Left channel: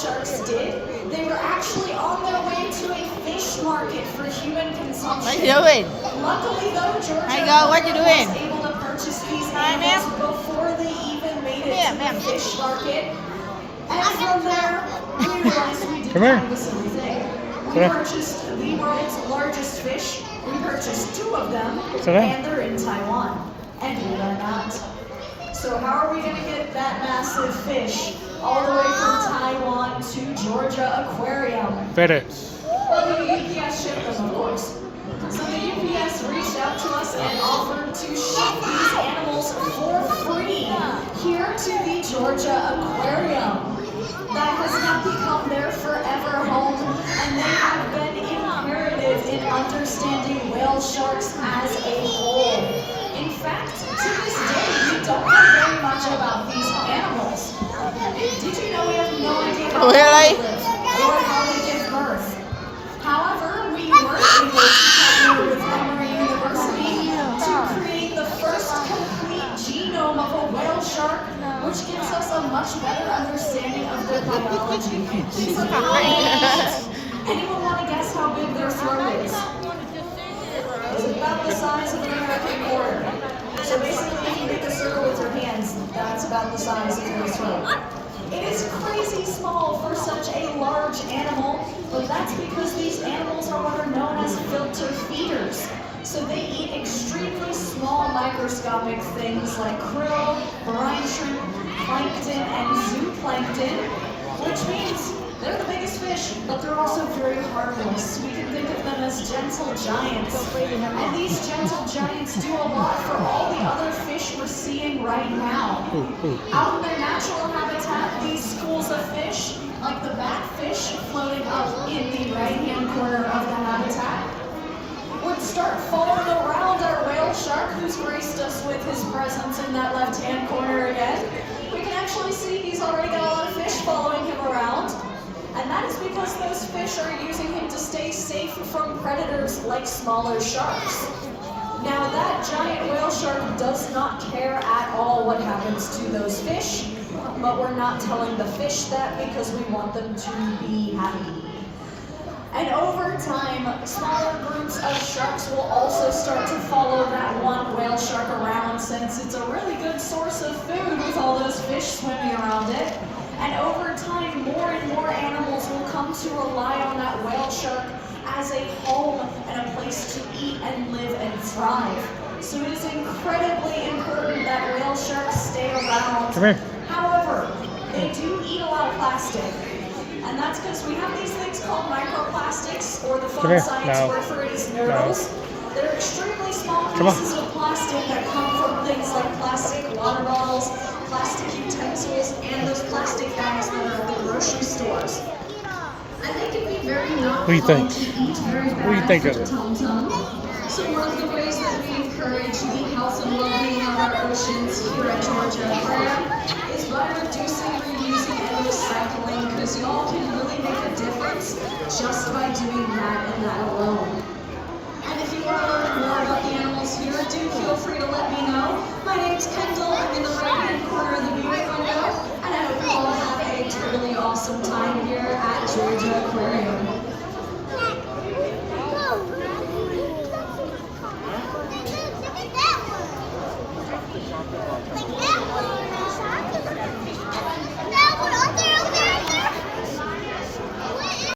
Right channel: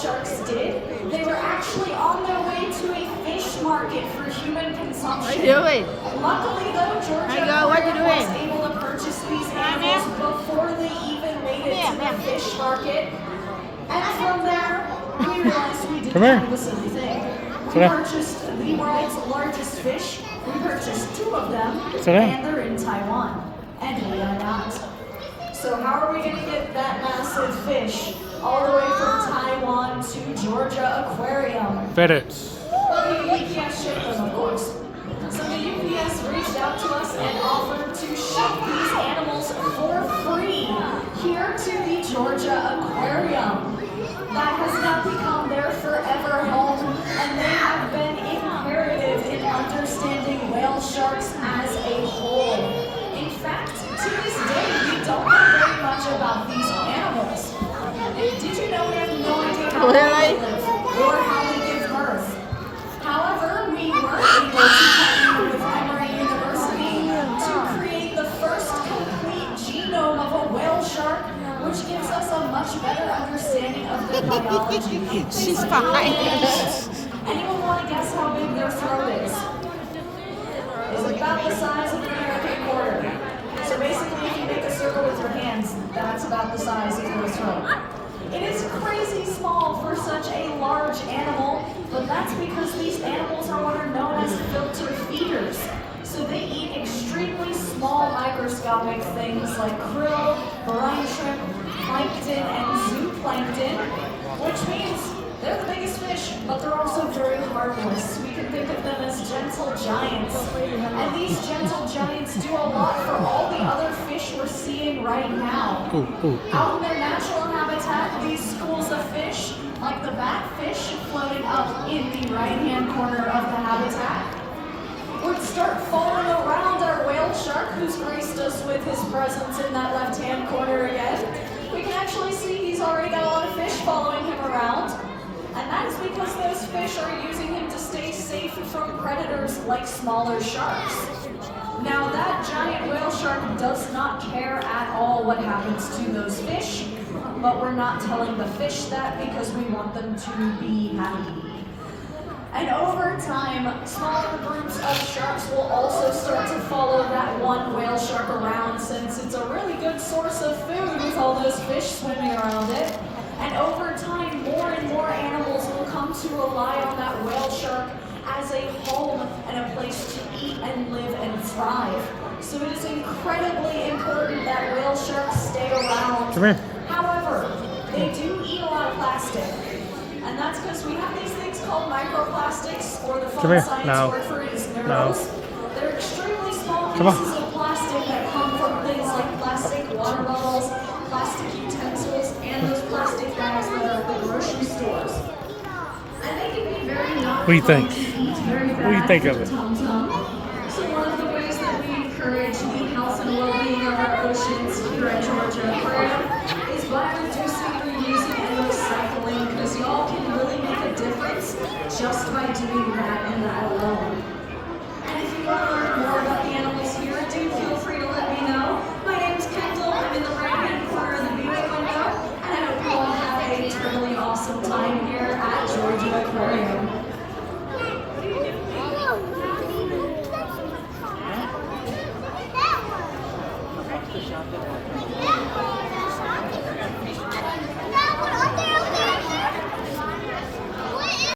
sharks did, they were actually on their way to a fish market for human consumption. What are you doing? Luckily though, Georgia Aquarium was able to purchase these animals before they even made it to the fish market. And from there, we realized we did kind of a silly thing. We purchased the world's largest fish. We purchased 2 of them, and they're in Taiwan. And we are not. So how are we going to get that massive fish all the way from Taiwan to Georgia Aquarium? FedEx. Well, the UPS shipped them, of course. So the UPS reached out to us and offered to ship these animals for free here to the Georgia Aquarium. That has now become their forever home, and they have been imperative in understanding whale sharks as a whole. In fact, to this day, we don't know very much about these animals. Did you know we have no idea how they live or how they give birth? However, we were able to partner with Emory University to create the first complete genome of a whale shark, which gives us a much better understanding of their biology. Anyone want to guess how big their throat is? It's about the size of an American quarter. So basically, if you make a circle with your hands, that's about the size of their throat. It is crazy small for such a large animal, but that's because these animals are what are known as filter feeders. So they eat extremely small microscopic things like krill, brine shrimp, plankton, and zooplankton, which means they're the biggest fish, but they're also very harmless. We can think of them as gentle giants. And these gentle giants do a lot for all the other fish we're seeing right now. Out in their natural habitat, these schools of fish, like the batfish floating up in the right-hand corner of the habitat, would start following around our whale shark, who's graced us with his presence in that left-hand corner again. We can actually see he's already got a lot of fish following him around. And that is because those fish are using him to stay safe from predators like smaller sharks. Now that giant whale shark does not care at all what happens to those fish, but we're not telling the fish that because we want them to be happy. And over time, smaller groups of sharks will also start to follow that one whale shark around, since it's a really good source of food with all those fish swimming around it. And over time, more and more animals will come to rely on that whale shark as a home and a place to eat and live and thrive. So it is incredibly important that whale sharks stay around. However, they do eat a lot of plastic. And that's because we have these things called microplastics, or the fun science word for it is nurdles. They're extremely small pieces of plastic that come from things like plastic water bottles, plastic utensils, and those plastic bags that are at the grocery stores. And they can be very What do you think? What do you think of it? So one of the ways that we encourage the health and well-being of our oceans here at Georgia Aquarium is by reducing, reusing, and recycling, because y'all can really make a difference just by doing that and that alone. And if you want to learn more about the animals here, do feel free to let me know. My name's Kendall. I'm in the right-hand corner of the viewing window, and I hope you all have a totally awesome time here at Georgia Aquarium. Yeah.